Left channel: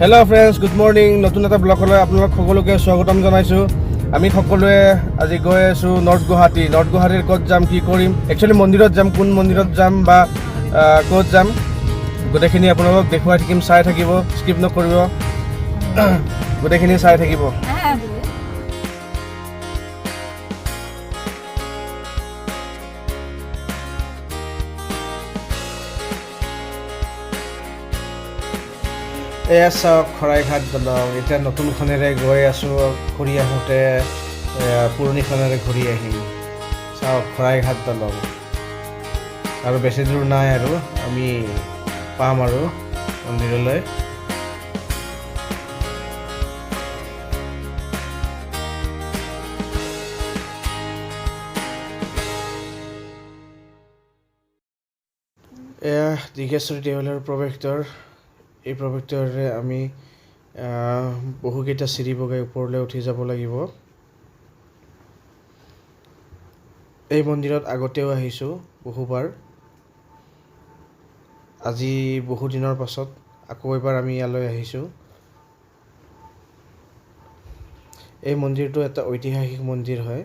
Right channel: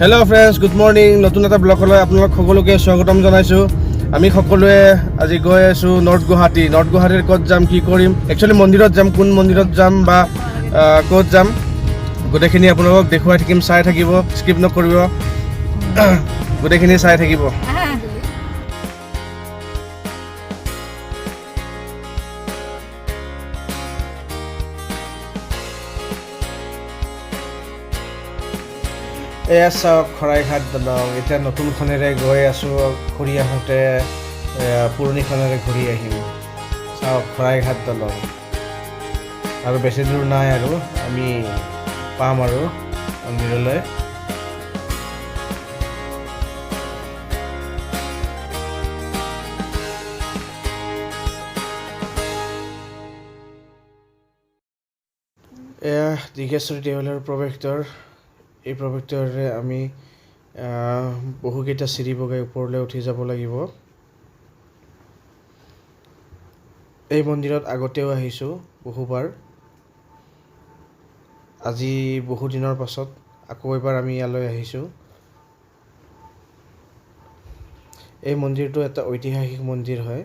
Hello' friends, good morning. নতুন এটা ব্লগলৈ আপোনালোক সকলোকে স্বাগতম জনাইছোঁ। আমি সকলোৱে আজি গৈ আছোঁ নৰ্থ গুৱাহাটীৰ ক'ত যাম, কি কৰিম, একচুৱেলি মন্দিৰত যাম, কোন মন্দিৰত যাম বা ক'ত যাম গোটেইখিনি আপোনালোকক দেখুৱাই থাকিম। চাই থাকিব, স্কিপ নকৰিব, গোটেইখিনি চাই থাকিব। এয়া চাওক শৰাইঘাট দলং। এতিয়া নতুনখনেৰে গৈ আছোঁ, ঘূৰি আহোঁতে পুৰণিখনেৰে ঘূৰি আহিম। চাওক শৰাইঘাট দলং, আৰু বেছি দূৰ নাই আৰু আমি পাম আৰু মন্দিৰলৈ। এয়া দীঘেশ্বৰী দেৱালয়ৰ প্ৰৱেশদ্বাৰ। এই প্ৰৱেশদ্বাৰেৰে আমি বহুকেইটা চিৰি বগাই ওপৰলৈ উঠি যাব লাগিব। এই মন্দিৰত আগতেও আহিছোঁ বহুবাৰ। আজি বহুদিনৰ পাছত আকৌ এবাৰ আমি ইয়ালৈ আহিছোঁ। এই মন্দিৰটো এটা ঐতিহাসিক মন্দিৰ হয়।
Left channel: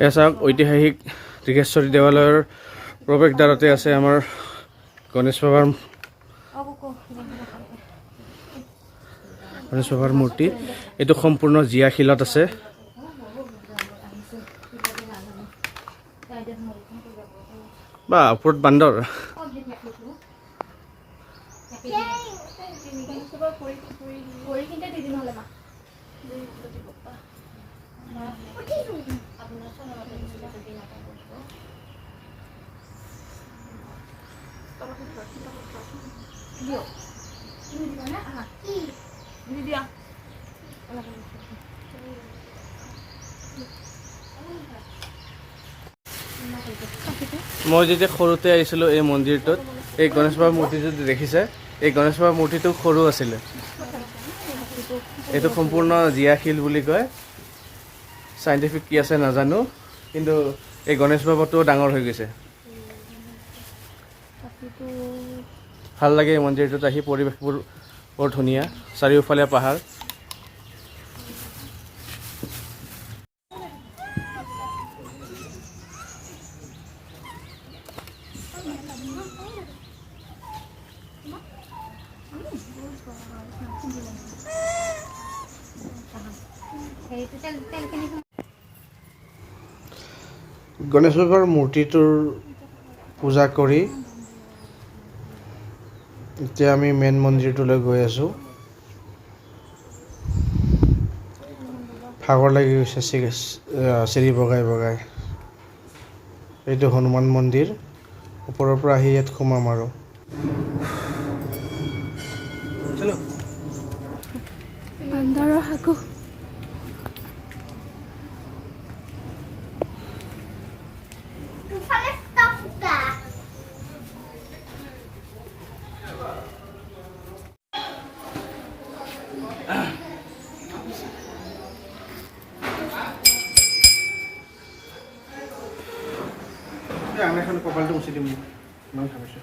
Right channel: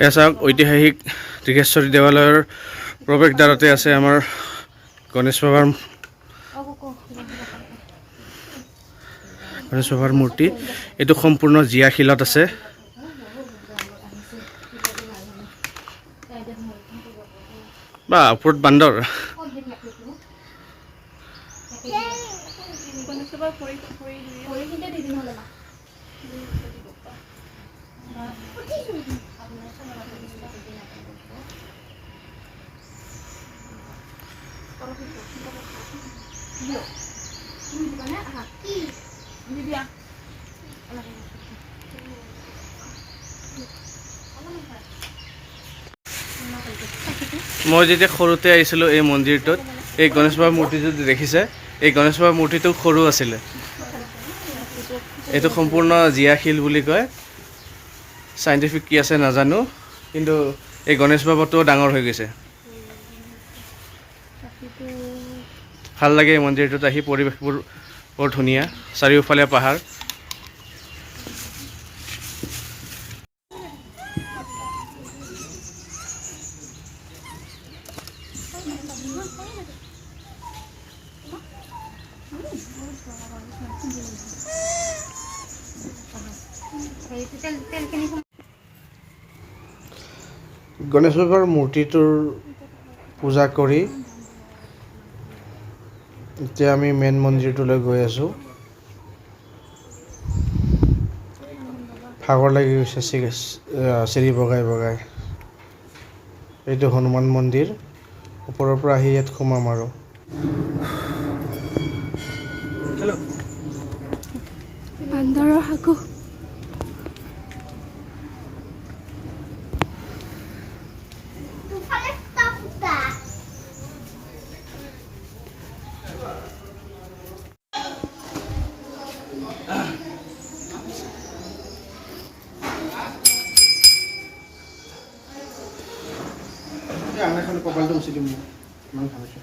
এয়া চাওক ঐতিহাসিক দীঘেশ্বৰী দেৱালয়ৰ প্ৰৱেশদ্বাৰতে আছে আমাৰ গণেশ বাবাৰ মূৰ্তি। এইটো সম্পূৰ্ণ জীয়া শিলত আছে। বা ওপৰত বান্দৰ। মই যেতিয়া সৰুতে আহিছিলোঁ এই মন্দিৰটোত, এই গণেশ বাবাৰ মূৰ্তিটো দেখিছে, এই গণেশ বাবাৰ মূৰ্তিটো সৰু আছিলে। এইটো সম্পূৰ্ণ জীয়া শিল বুলি কয়। চাইণ্টিফিক কি আছে নাজানো, কিন্তু এই গণেশ বাবাটোও ডাঙৰ হৈ গৈছে। ভাল লাগে এই মন্দিৰটোত আহি, পৰিৱেশবোৰ বৰ ধুনীয়া, চাৰিওফালে পাহাৰ। গণেশ বাবাৰ মূৰ্তিটোৰ পূজা কৰি এতিয়া আমি মেইন মন্দিৰটোলৈ গৈ আছোঁ। ভাগৰ লাগি গৈছে চিৰি বগাই বগাই। এইটো হনুমান মন্দিৰ। ওপৰৰ পৰা আহি ইয়াত সোমাম আৰু। বান্দৰৰ সাকু। আঙুলিখন কপালটো মুচি দিম, ইমান ভাবিছোঁ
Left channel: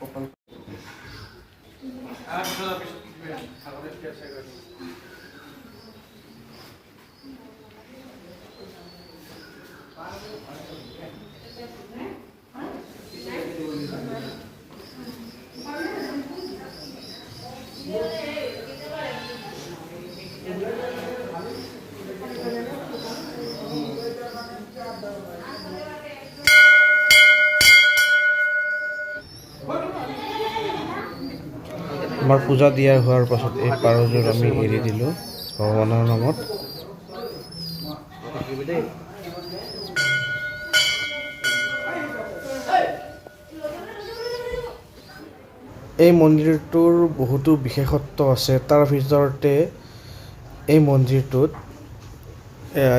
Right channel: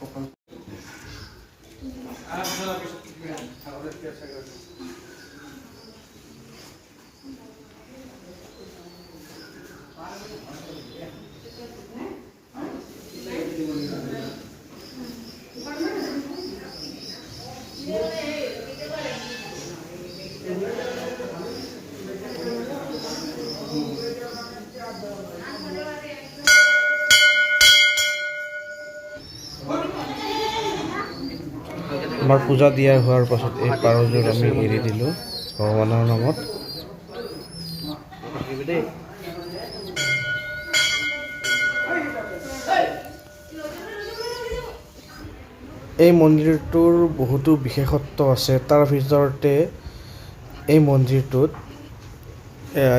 কপাল। আমাৰ পূজা দিয়া হোৱাৰ পাছত এই পাৰযোৰ আমি এৰি দিলোঁ ভগৱানৰ নামত। এই মন্দিৰটোৰ বহুতো বিশেষত্ব আছে। তাৰ ভিতৰতে এই মন্দিৰটোত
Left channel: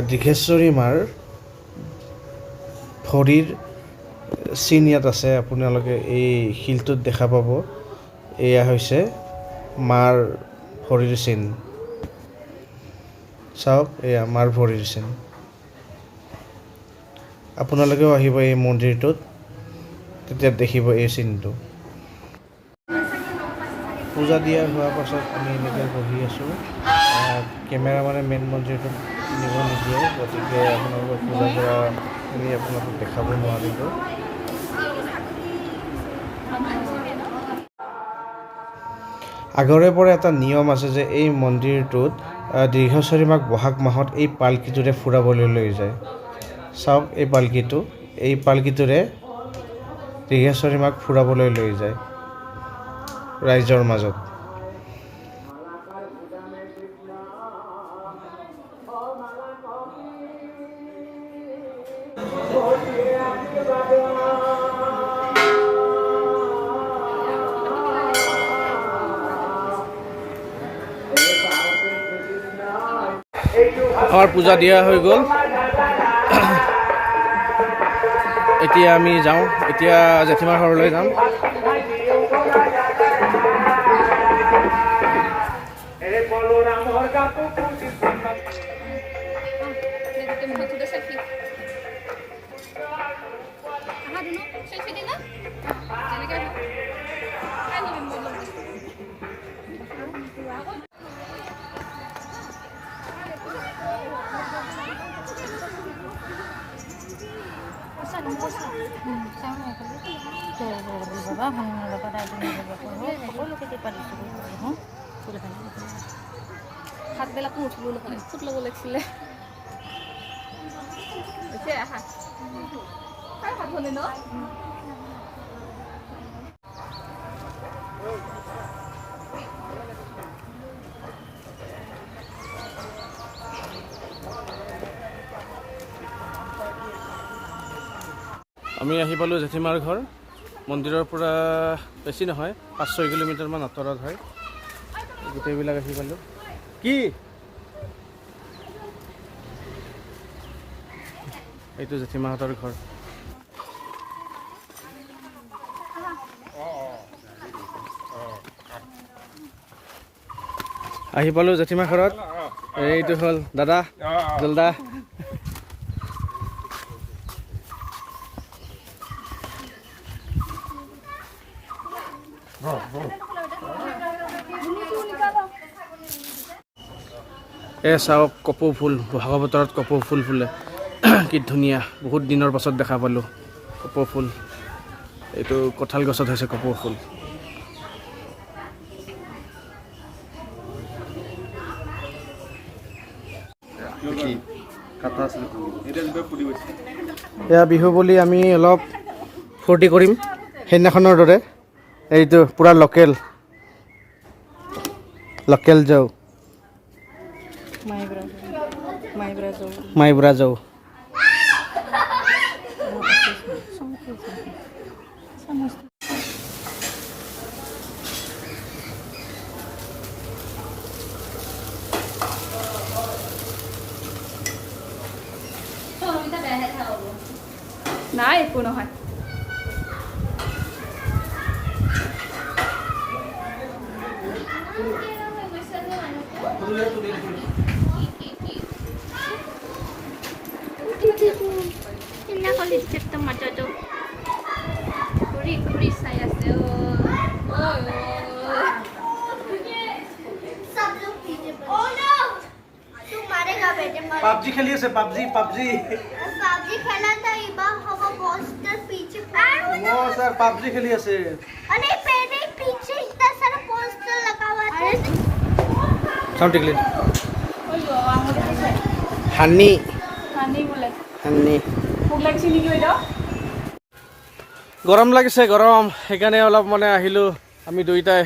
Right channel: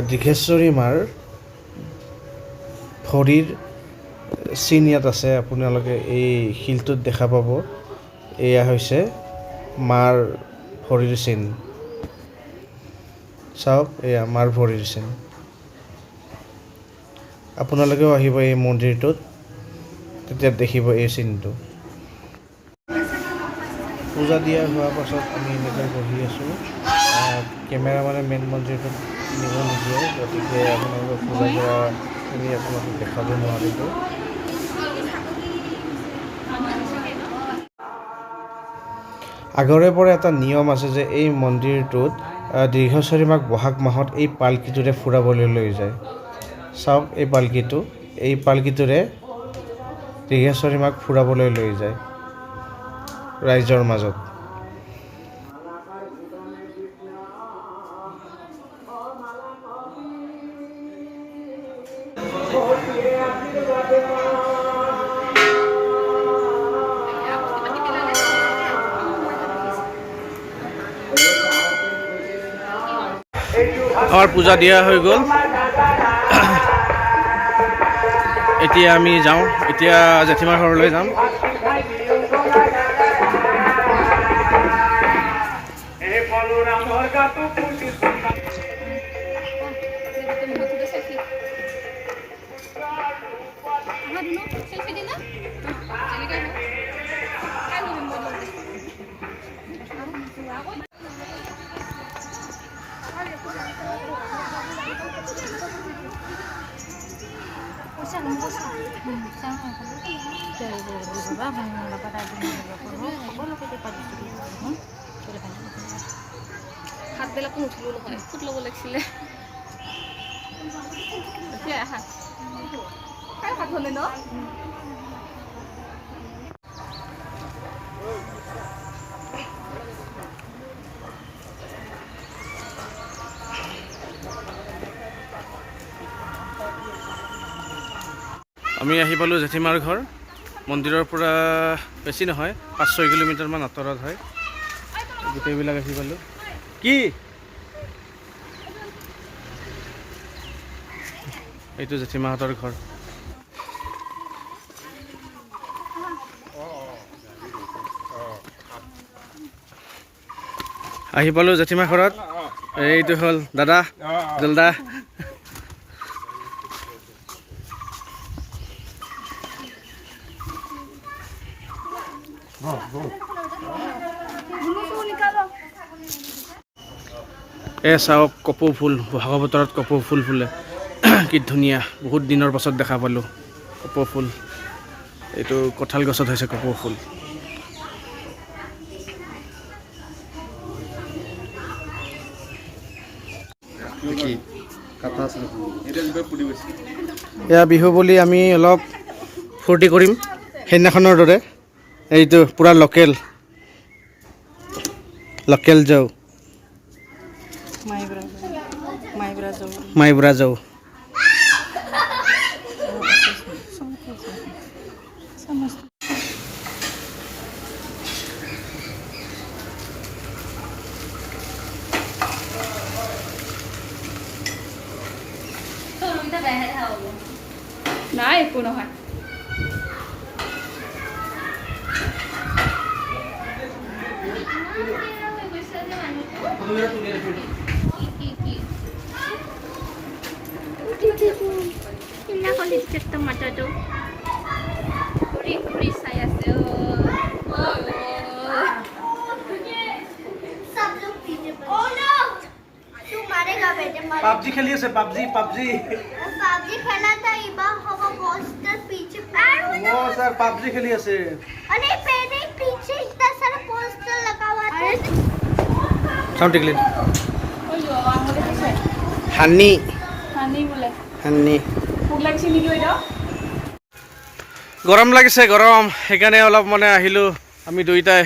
দীঘেশ্বৰী মাৰ ভৰিৰ চিন ইয়াত আছে। আপোনালোকে এই শিলটোত দেখা পাব। এয়া হৈছে মাৰ ভৰিৰ চিন। চাওক এয়া মাৰ ভৰিৰ চিন। আপোনালোকেও আহিব এই মন্দিৰটোত, তেতিয়া দেখিব এই চিনটো। পূজা দিয়া হোৱাৰ পাছত আমি এনেকৈ বহি আছোঁ। কেমেৰামেনে মেইন মন্দিৰটোত নিব নিদিয়ে, গতিকে আপোনালোকক পূজা কৰাখিনি আপোনালোকক দেখাব নোৱাৰিলোঁ। আগৰে পৰা এটা নিয়ম আছে যে এই মন্দিৰটোত দীৰ্ঘচৰী মাক বহাগ মাহত এই পালকিটোৰে ফুৰাবলৈ লৈ যায়। চাওক এই পালকিটোৰে দীৰ্ঘচৰী মাক ফুৰাবলৈ লৈ যায় ৰাইজৰ মাজত। আমাৰ পূজা দিয়া হৈ গ'ল। এতিয়া আমি যাওঁ, এতিয়া জেঠীমাৰ ঘৰলৈ যাম। হাতবিলাকো নুঠিলো নহয়, ফুট ল'ব লাগিছিলে। হাত হ'লে ন আমি আহি পালোঁ জেঠীমাৰ ঘৰ। মন্দিৰৰ পৰা বেছি নহয়, 5-6 কিলোমিটাৰমান আঁতৰত হয়। গোটেইবিলাক আহি পালোঁ। কি এইটো জেঠীমাহঁতৰ ঘৰ। আহি পালোঁ জেঠীমা ঘৰত। এইটো হ'ল দাদা জলদা। চাওক কপৌ ফুল, বহাগৰ বতৰত কপৌ ফুল ফুলে। কি ধুনীয়া, বহুত দিনৰ পাছত দেখা পালোঁ কপৌ ফুল। এইটো কঁঠাল গছত হৈছে কপৌ ফুল। এয়া বিহু বুলি আমি অলপ ফূৰ্তি কৰিম সেইদিনাখনৰ দৰে। এইটো পূৰা লোকেল যাও মাইব্ৰা যাও। নাই একো নহয়। পাবজি খেলি আছে, পাবজি खेला था इबा हवा पोस्टर पीछे वो सर पाबजी खेली আছে। अरे मेरे पीछे इतना सारा पोस्टर लगा हुआ था। साउंड टिकली ओयो आंगले कैसे हानी बोले हानी ভোক লাগিছে নেকি বাইদেউ? গৰম লাগিছে, গৰম সেইকাৰণে অলপ মানে আহিলোঁ আমি দুইটাই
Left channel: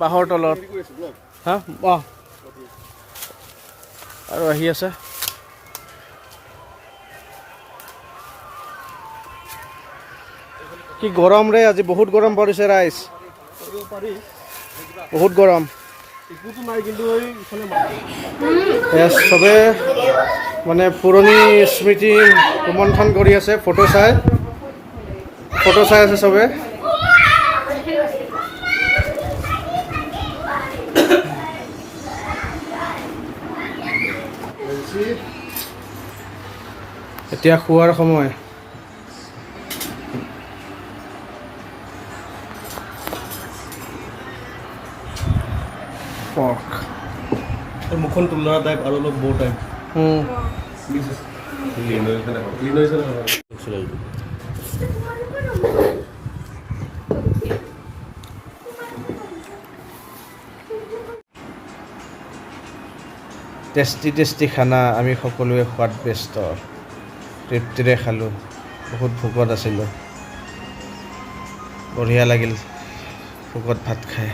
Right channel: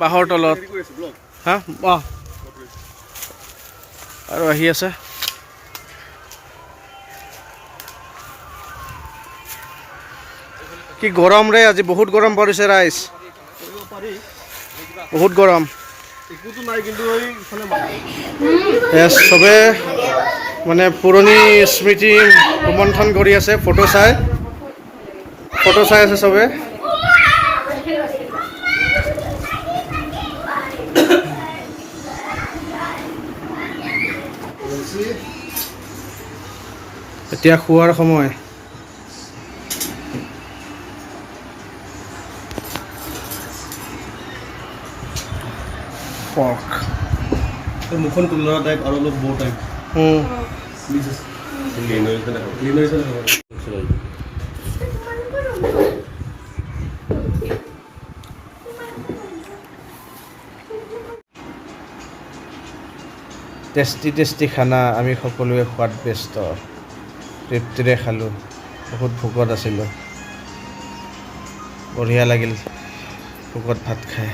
বাহৰ তলত। হা আৰু আহি আছে। কি গৰম ৰে, আজি বহুত গৰম পৰিছে ৰাইজ, বহুত গৰম। চবে মানে পুৰণি স্মৃতি ৰোমন্থন কৰি আছে, ফটো চাই আছে চবে। এতিয়া খোৱাৰ সময়। পৰ্ক। মুখখন তুলনা টাইপ আৰু অলপ বৰ টাইপ টেষ্টি খানা আমি সকলোৱে খোৱাত ব্যস্ত। তৃপ্তিৰে খালোঁ, বহুত ভোকত আছিলোঁ। বঢ়িয়া লাগিল ভোকত ভাত খাই।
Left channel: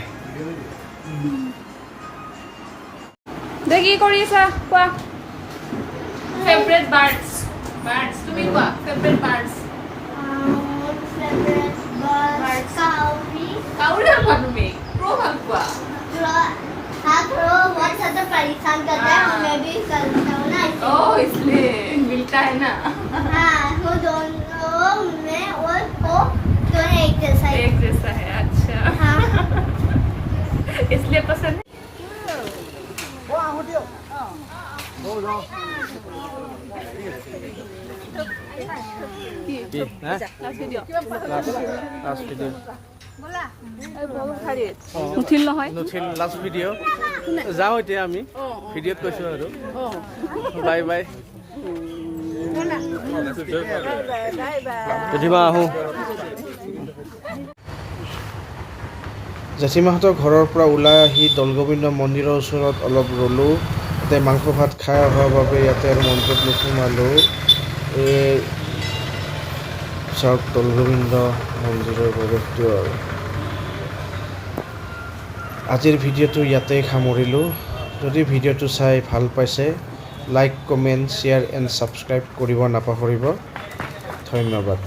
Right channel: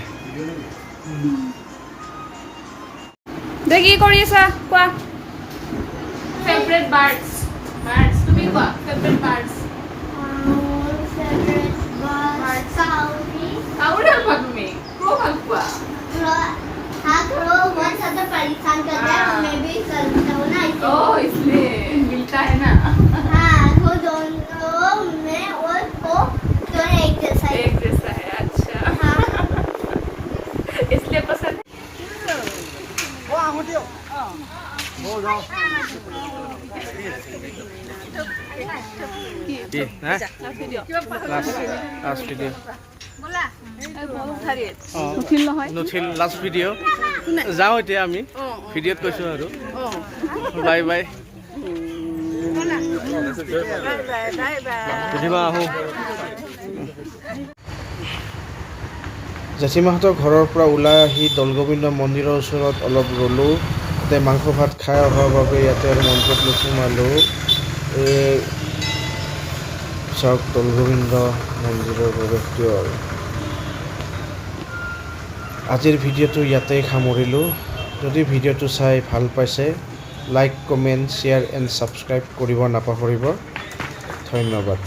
দে কি কৰি আছা কোৱা ফেভৰেট বাৰ্ডছ তুমি কোৱা ফেভৰেট বাৰ্ডছ কাউৰী ভাল পোৱা তুমি ক্ৰ ভাল পোৱা परेशान कर रहा है हमें भी करना होना ओह इसलिए मिलता है ना हाँ वो दोनों में और वो दोनों एक जैसा है अच्छा हाँ इसलिए पसंद নুঠিল লাষ্ট ভিডিঅ' যাওঁ এতিয়া আমি ভিডিঅ'ত কৈছোঁ আৰু বাই বাই সুধিমা আহোঁ জেঠীমাহঁতৰ ঘৰৰ পৰা ওলাই আহি দৌলগোবিন্দ মন্দিৰৰ ওচৰত অলপ ৰ'লোঁ। তাতে মাংস ভাত খাই অহাৰ বাবে ইয়াতে আৰু মন্দিৰত নোসোমালোঁ। এই চাওক দৌলগোবিন্দ মন্দিৰৰ প্ৰৱেশদ্বাৰ। আজিৰ ভিডিঅ'টো ইয়াতেই সামৰিলোঁ। যদি ভিডিঅ'টো চাই ভাল পাইছে like comment share and subscribe কৰিব নাপাহৰিব। ধন্যবাদ।